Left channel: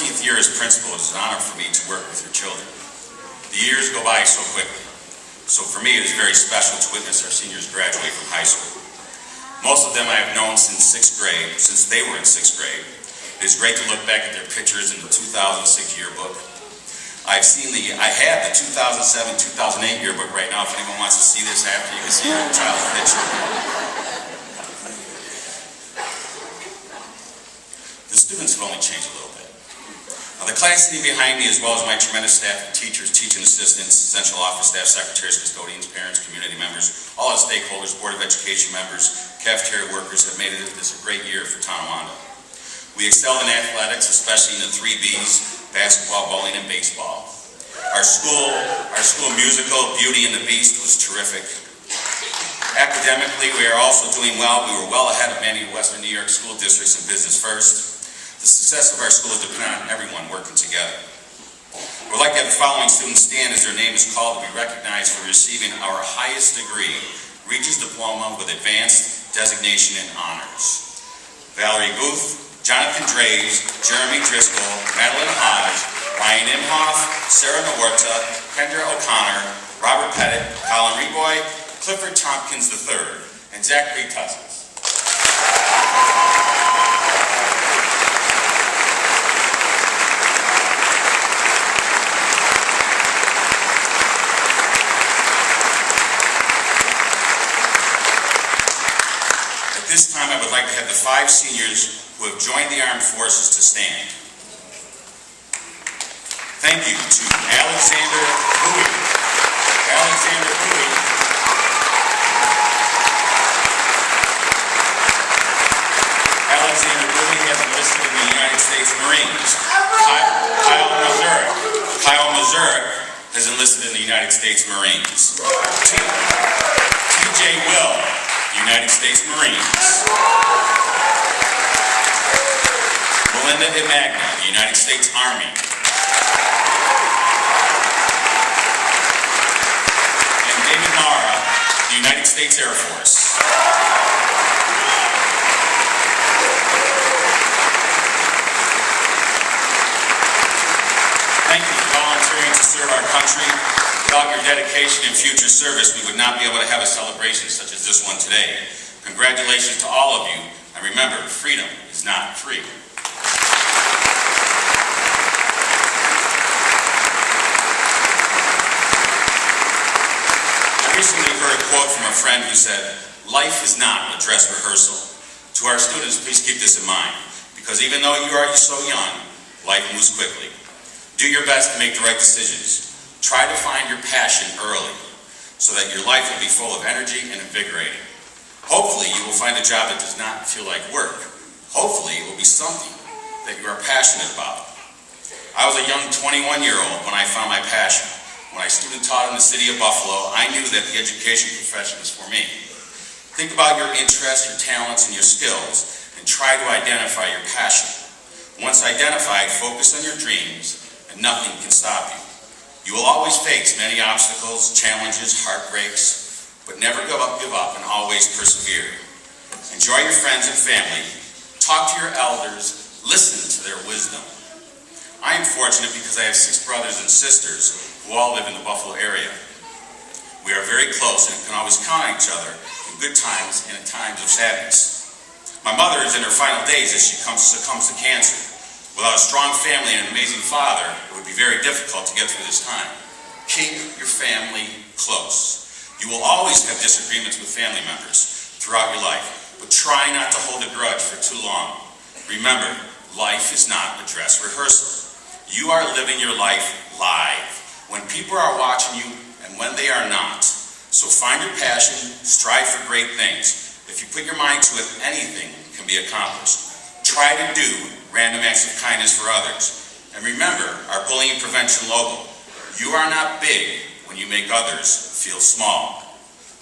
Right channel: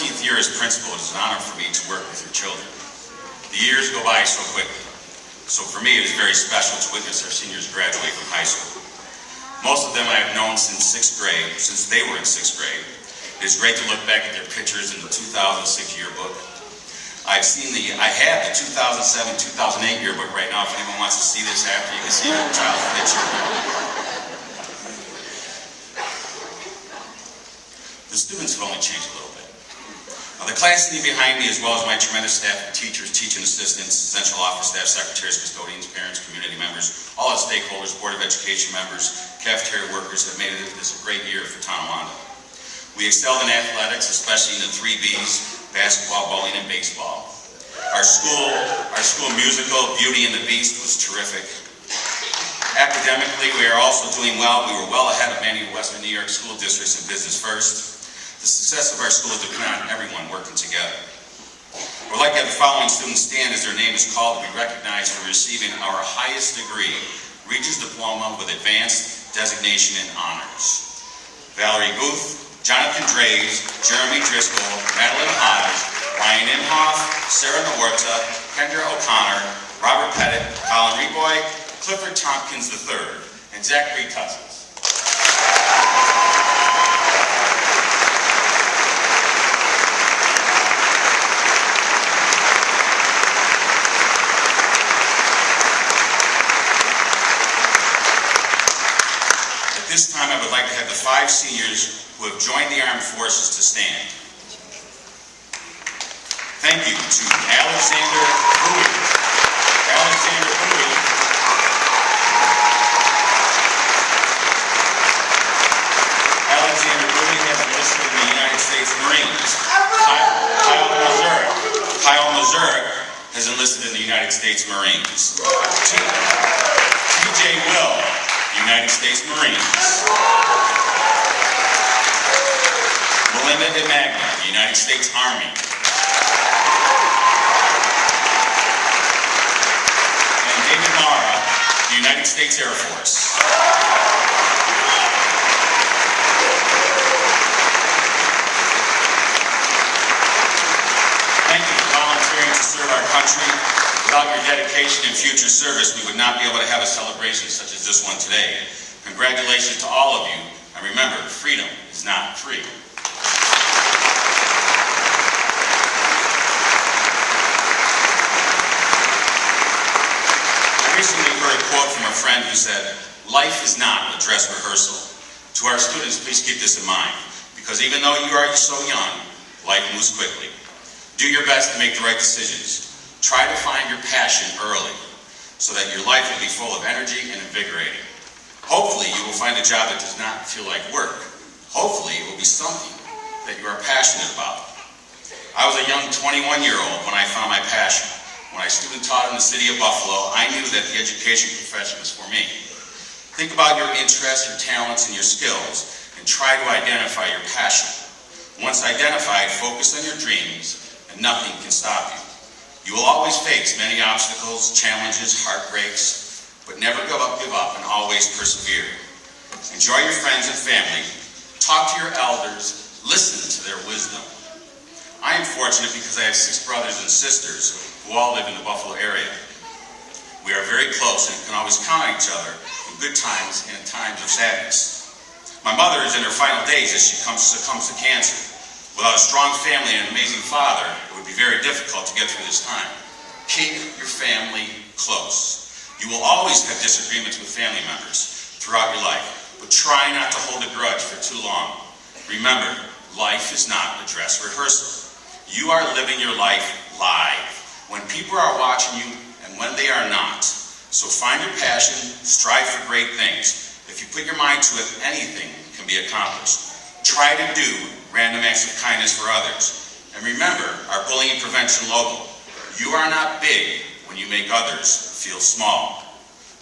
14th year as principal, it is an honor for me to work with your children. The years go by so quickly. So for me, it is very special to witness our seniors graduate from high school. Most of them I have known since 6th grade, since they were in 6th grade. It is great to look back at their pictures in the 2006 yearbook. I have the 2007-2008 yearbook right now. If anyone wants to see this after, you can see your child's picture. The students have only changed a little bit. Now, the class sitting behind me, as well as my tremendous staff of teachers, teaching assistants, central office staff, secretaries, custodians, parents, community members, all the stakeholders, Board of Education members, cafeteria workers have made this a great year for Tonawanda. We excelled in athletics, especially in the 3 Bs, basketball, bowling, and baseball. Our school musical, Beauty and the Beast, was terrific. Academically, we are also doing well. We were well ahead of many Western New York school districts in Business First. The success of our school is dependent on everyone working together. I would like to have the following students stand as their name is called to be recognized for receiving our highest degree, Regents Diploma with Advanced Designation in Honors. Valerie Guth, Jonathan Draves, Jeremy Driscoll, Madeline Hodge, Ryan Imhoff, Sarah Nawarta, Kendra O'Connor, Robert Pettit, Colin Reboy, Clifford Tompkins III, and Zachary Tussins. At this time, I would like to have the 5 seniors who have joined the armed forces to stand. Thank you to Alexander Bowie. Alexander Bowie. Alexander Bowie has enlisted in the United States Marines. Kyle Mazurek has enlisted in the United States Marines. T.J. Will, United States Marines. Melinda Imagna, the United States Army. And David Nara, the United States Air Force. Thank you for volunteering to serve our country. Without your dedication and future service, we would not be able to have a celebration such as this one today. Congratulations to all of you. And remember, freedom is not free. I recently heard a quote from a friend who said, "Life is not a dress rehearsal." To our students, please keep this in mind, because even though you are so young, life moves quickly. Do your best to make the right decisions. Try to find your passion early, so that your life will be full of energy and invigorating. Hopefully, you will find a job that does not feel like work. Hopefully, it will be something that you are passionate about. I was a young 21-year-old when I found my passion. When I student taught in the city of Buffalo, I knew that the education profession was for me. Think about your interests, your talents, and your skills, and try to identify your passion. Once identified, focus on your dreams, and nothing can stop you. You will always face many obstacles, challenges, heartbreaks, but never give up and always persevere. Enjoy your friends and family. Talk to your elders. Listen to their wisdom. I am fortunate because I have 6 brothers and sisters who all live in the Buffalo area. We are very close and can always count on each other in good times and in times of sadness. My mother is in her final days as she succumbs to cancer. Without a strong family and an amazing father, it would be very difficult to get through this time. Keep your family close. You will always have disagreements with family members throughout your life, but try not to hold a grudge for too long. Remember, life is not a dress rehearsal. You are living your life live, when people are watching you and when they are not. So find your passion, strive for great things. If you put your mind to it, anything can be accomplished. Try to do random acts of kindness for others. And remember our bullying prevention logo. You are not big when you make others feel small.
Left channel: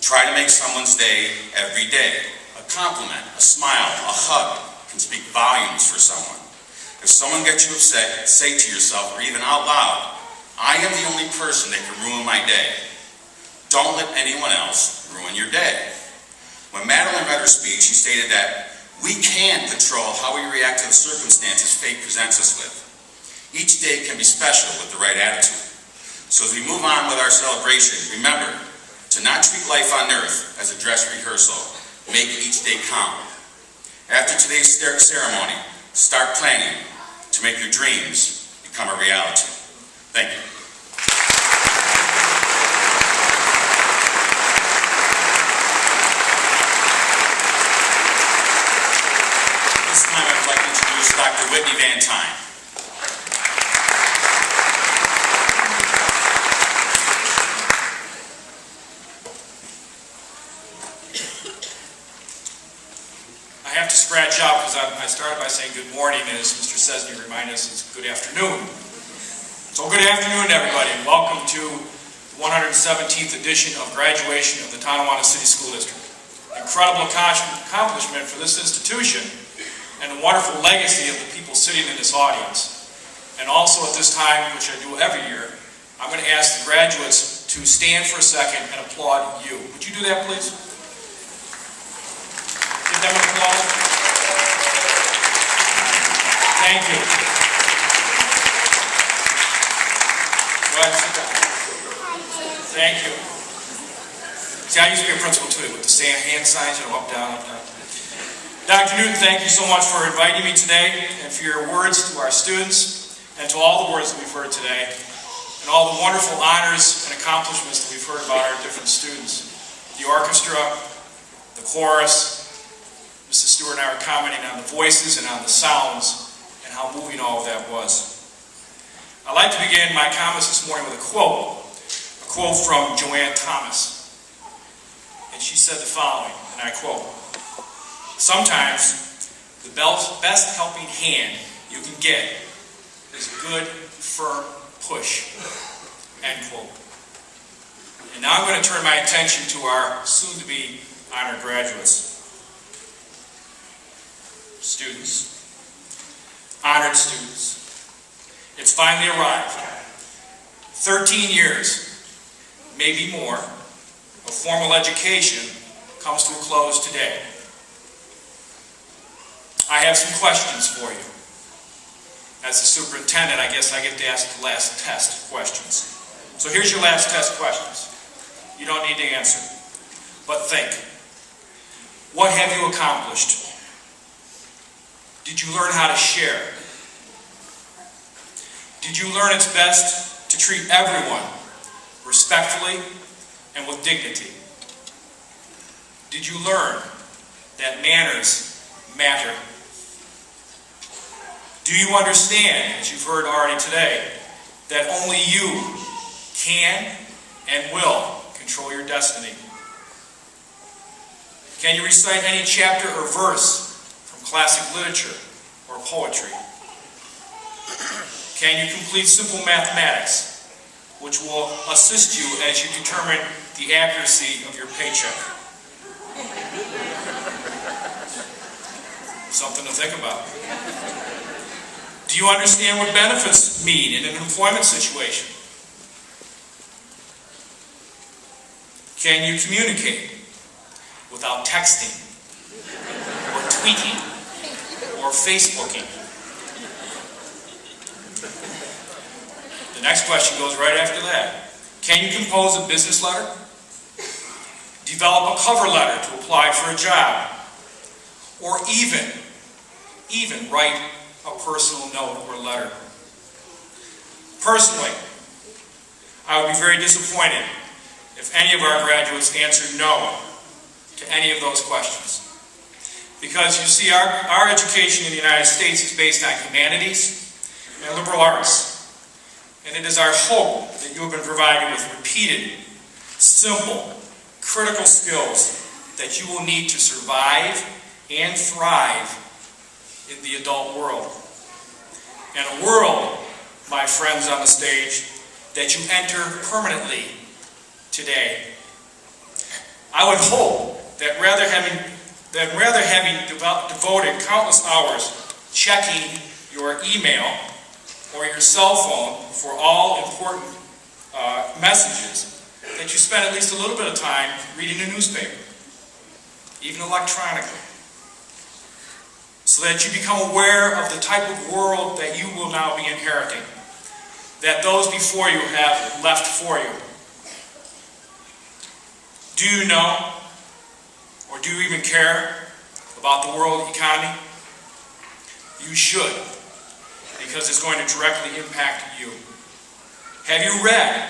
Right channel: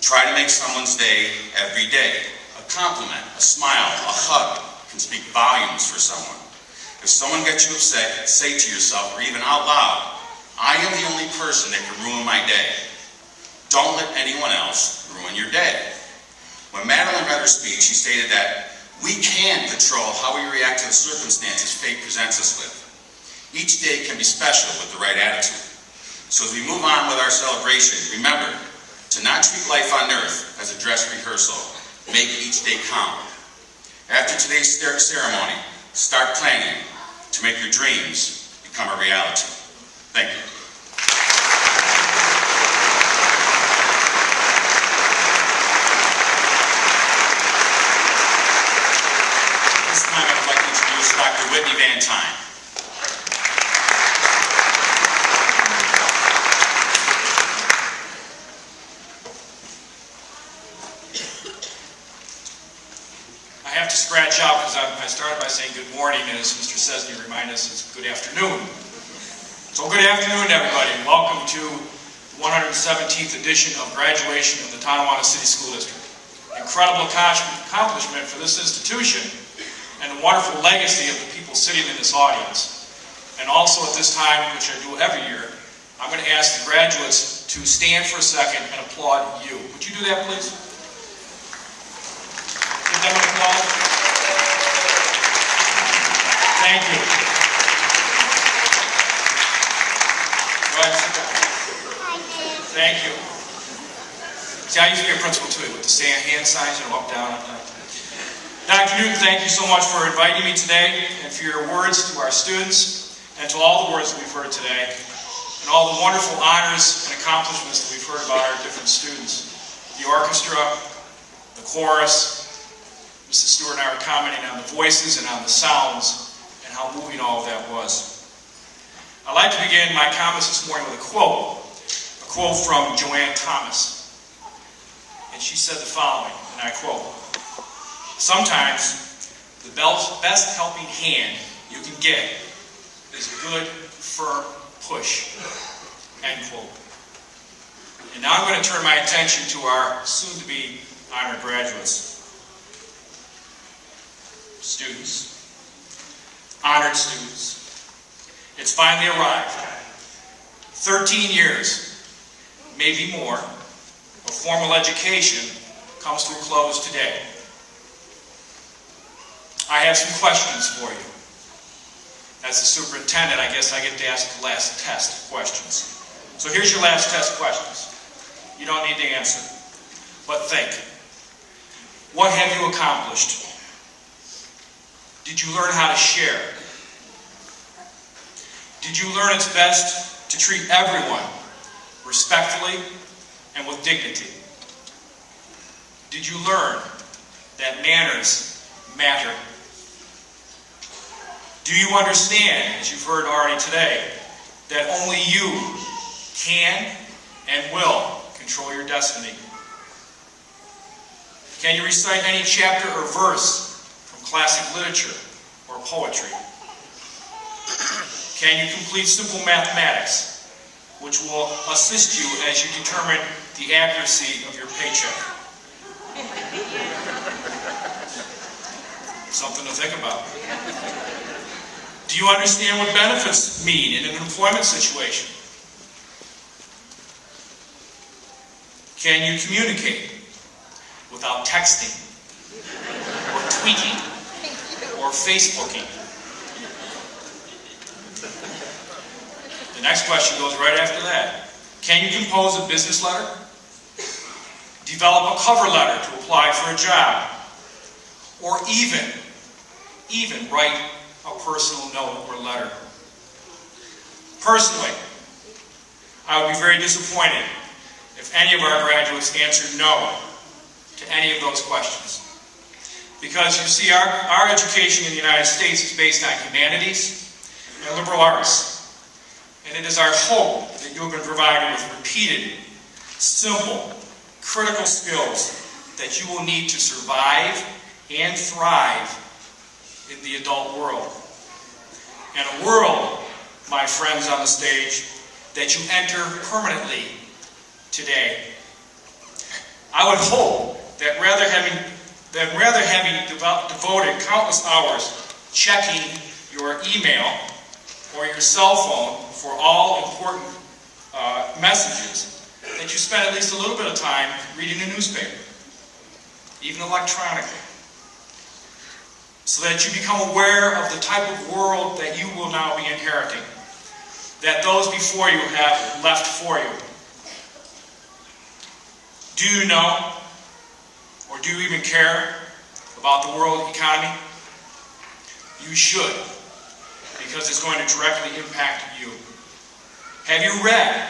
Try to make someone's day every day. A compliment, a smile, a hug can speak volumes for someone. If someone gets you upset, say to yourself, or even out loud, "I am the only person that can ruin my day." Don't let anyone else ruin your day. When Madeline read her speech, she stated that we can control how we react to the circumstances fate presents us with. Each day can be special with the right attitude. So as we move on with our celebration, remember to not treat life on earth as a dress rehearsal. Make each day count. After today's ceremony, start planning to make your dreams become a reality. Thank you. This time I'd like to introduce Dr. Vantine. I have to scratch out because I started by saying good morning, and as Mr. Sesney reminded us, it's good afternoon. So good afternoon, everybody, and welcome to the 117th edition of graduation of the Tonawanda City School District. Incredible accomplishment for this institution and a wonderful legacy of the people sitting in this audience. And also at this time, which I do every year, I'm going to ask the graduates to stand for a second and applaud you. Would you do that, please? Give them an applause. Thank you. Go ahead, sit down. Thank you. See, I used to be a principal too, with the hand signs, up, down, up, down. Dr. Newton, thank you so much for inviting me today and for your words to our students and to all the words that we've heard today and all the wonderful honors and accomplishments that we've heard about our different students. The orchestra, the chorus, Mrs. Stewart and I were commenting on the voices and on the sounds and how moving all of that was. I'd like to begin my comments this morning with a quote from Joanne Thomas. And she said the following, and I quote, "Sometimes the best helping hand you can get is a good, firm push." End quote. And now I'm going to turn my attention to our soon-to-be honored graduates. Students, honored students, it's finally arrived. 13 years, maybe more, of formal education comes to a close today. I have some questions for you. As the superintendent, I guess I get to ask the last test questions. So here's your last test questions. You don't need to answer, but think. What have you accomplished? Did you learn how to share? Did you learn it's best to treat everyone respectfully and with dignity? Did you learn that manners matter? Do you understand, as you've heard already today, that only you can and will control your destiny? Can you recite any chapter or verse from classic literature or poetry? Can you complete simple mathematics, which will assist you as you determine the accuracy of your paycheck? Something to think about. Do you understand what benefits mean in an employment situation? Can you communicate without texting or tweeting or Facebooking? The next question goes right after that. Can you compose a business letter? Develop a cover letter to apply for a job? Or even write a personal note or letter? Personally, I would be very disappointed if any of our graduates answered no to any of those questions. Because you see, our education in the United States is based on humanities and liberal arts. And it is our hope that you have been provided with repeated, simple, critical skills that you will need to survive and thrive in the adult world. And a world, my friends on the stage, that you enter permanently today. I would hope that rather having devoted countless hours checking your email or your cell phone for all important messages, that you spend at least a little bit of time reading a newspaper, even electronically. so that you become aware of the type of world that you will now be inheriting, that those before you have left for you. Do you know, or do you even care about the world economy? You should, because it's going to directly impact you. Have you read,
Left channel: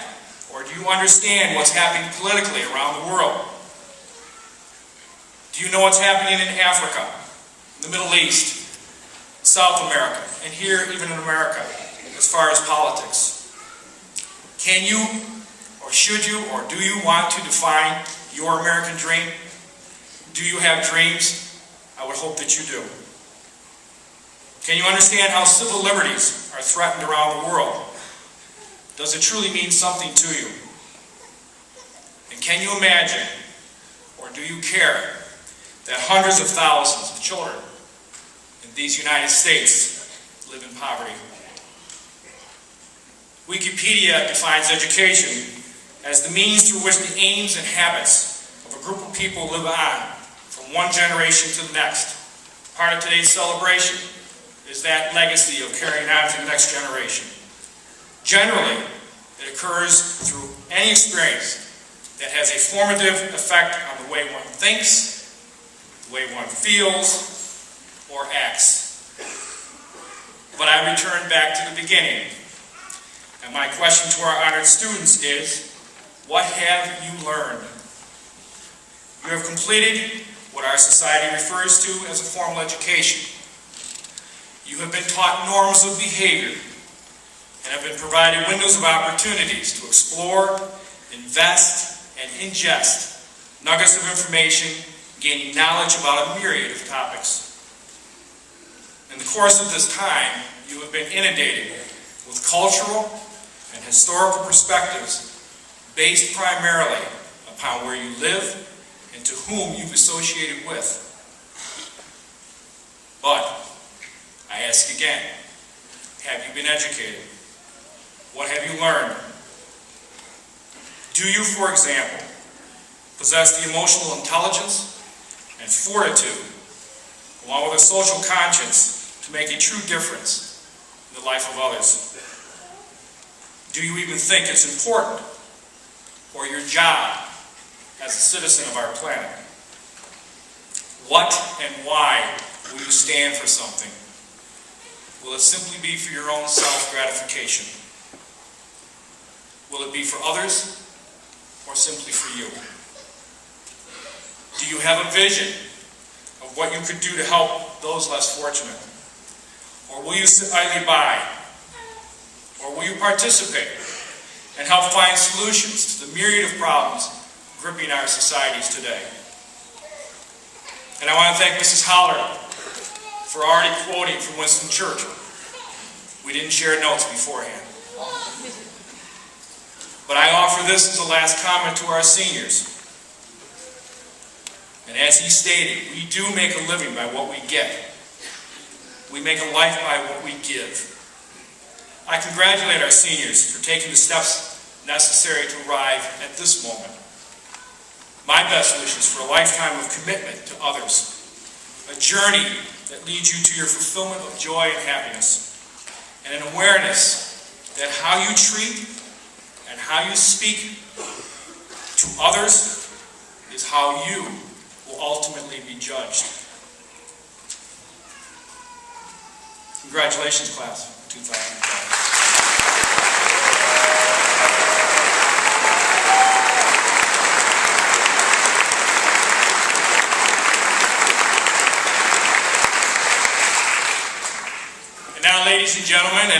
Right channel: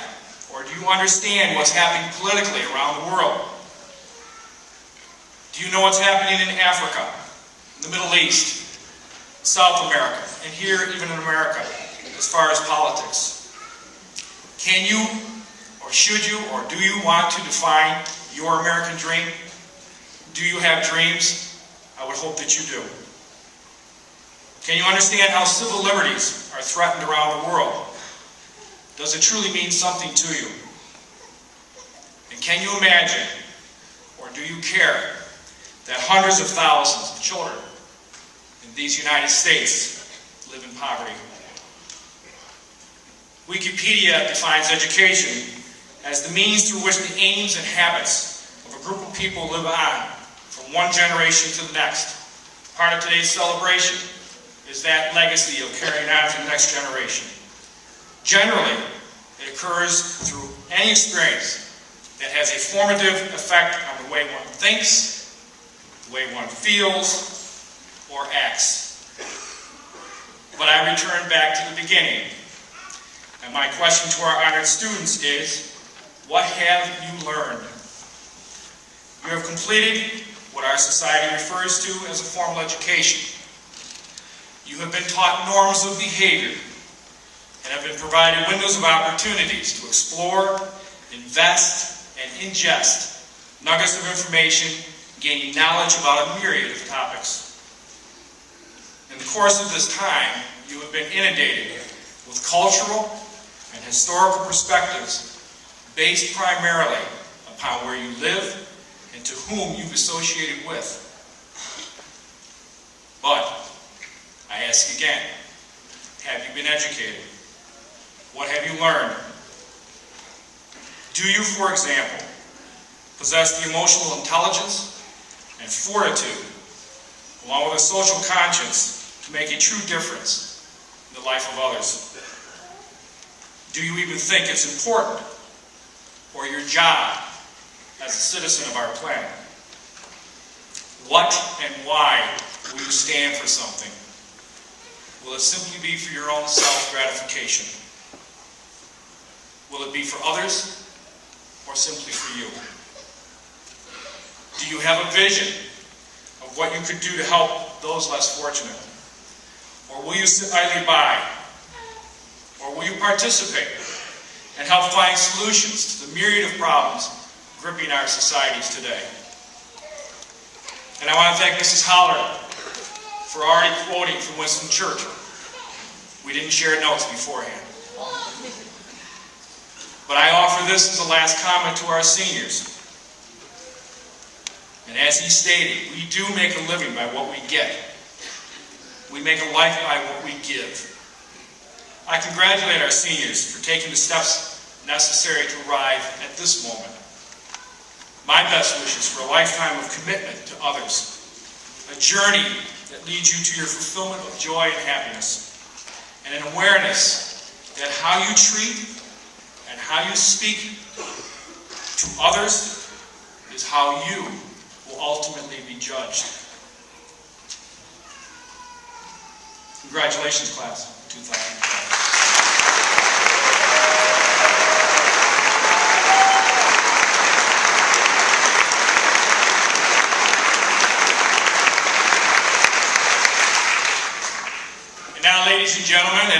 or do you understand what's happening politically around the world? Do you know what's happening in Africa, in the Middle East, South America, and here even in America, as far as politics? Can you, or should you, or do you want to define your American dream? Do you have dreams? I would hope that you do. Can you understand how civil liberties are threatened around the world? Does it truly mean something to you? And can you imagine, or do you care, that hundreds of thousands of children in these United States live in poverty? Wikipedia defines education as the means through which the aims and habits of a group of people live on from one generation to the next. Part of today's celebration is that legacy of carrying on to the next generation. Generally, it occurs through any experience that has a formative effect on the way one thinks, the way one feels, or acts. But I return back to the beginning, and my question to our honored students is, what have you learned? You have completed what our society refers to as a formal education. You have been taught norms of behavior and have been provided windows of opportunities to explore, invest, and ingest nuggets of information, gaining knowledge about a myriad of topics. In the course of this time, you have been inundated with cultural and historical perspectives based primarily upon where you live and to whom you've associated with. But I ask again, have you been educated? What have you learned? Do you, for example, possess the emotional intelligence and fortitude, along with a social conscience, to make a true difference in the life of others? Do you even think it's important, or your job as a citizen of our planet? What and why will you stand for something? Will it simply be for your own self-gratification? Will it be for others, or simply for you? Do you have a vision of what you could do to help those less fortunate? Or will you sit idly by? Or will you participate and help find solutions to the myriad of problems gripping our societies today? And I want to thank Mrs. Holler for already quoting from Winston Churchill. We didn't share notes beforehand. But I offer this as the last comment to our seniors. And as he stated, we do make a living by what we get. We make a life by what we give. I congratulate our seniors for taking the steps necessary to arrive at this moment. My best wishes for a lifetime of commitment to others, a journey that leads you to your fulfillment of joy and happiness, and an awareness that how you treat and how you speak to others is how you will ultimately be judged. Congratulations, class of 2012. And now, ladies and gentlemen,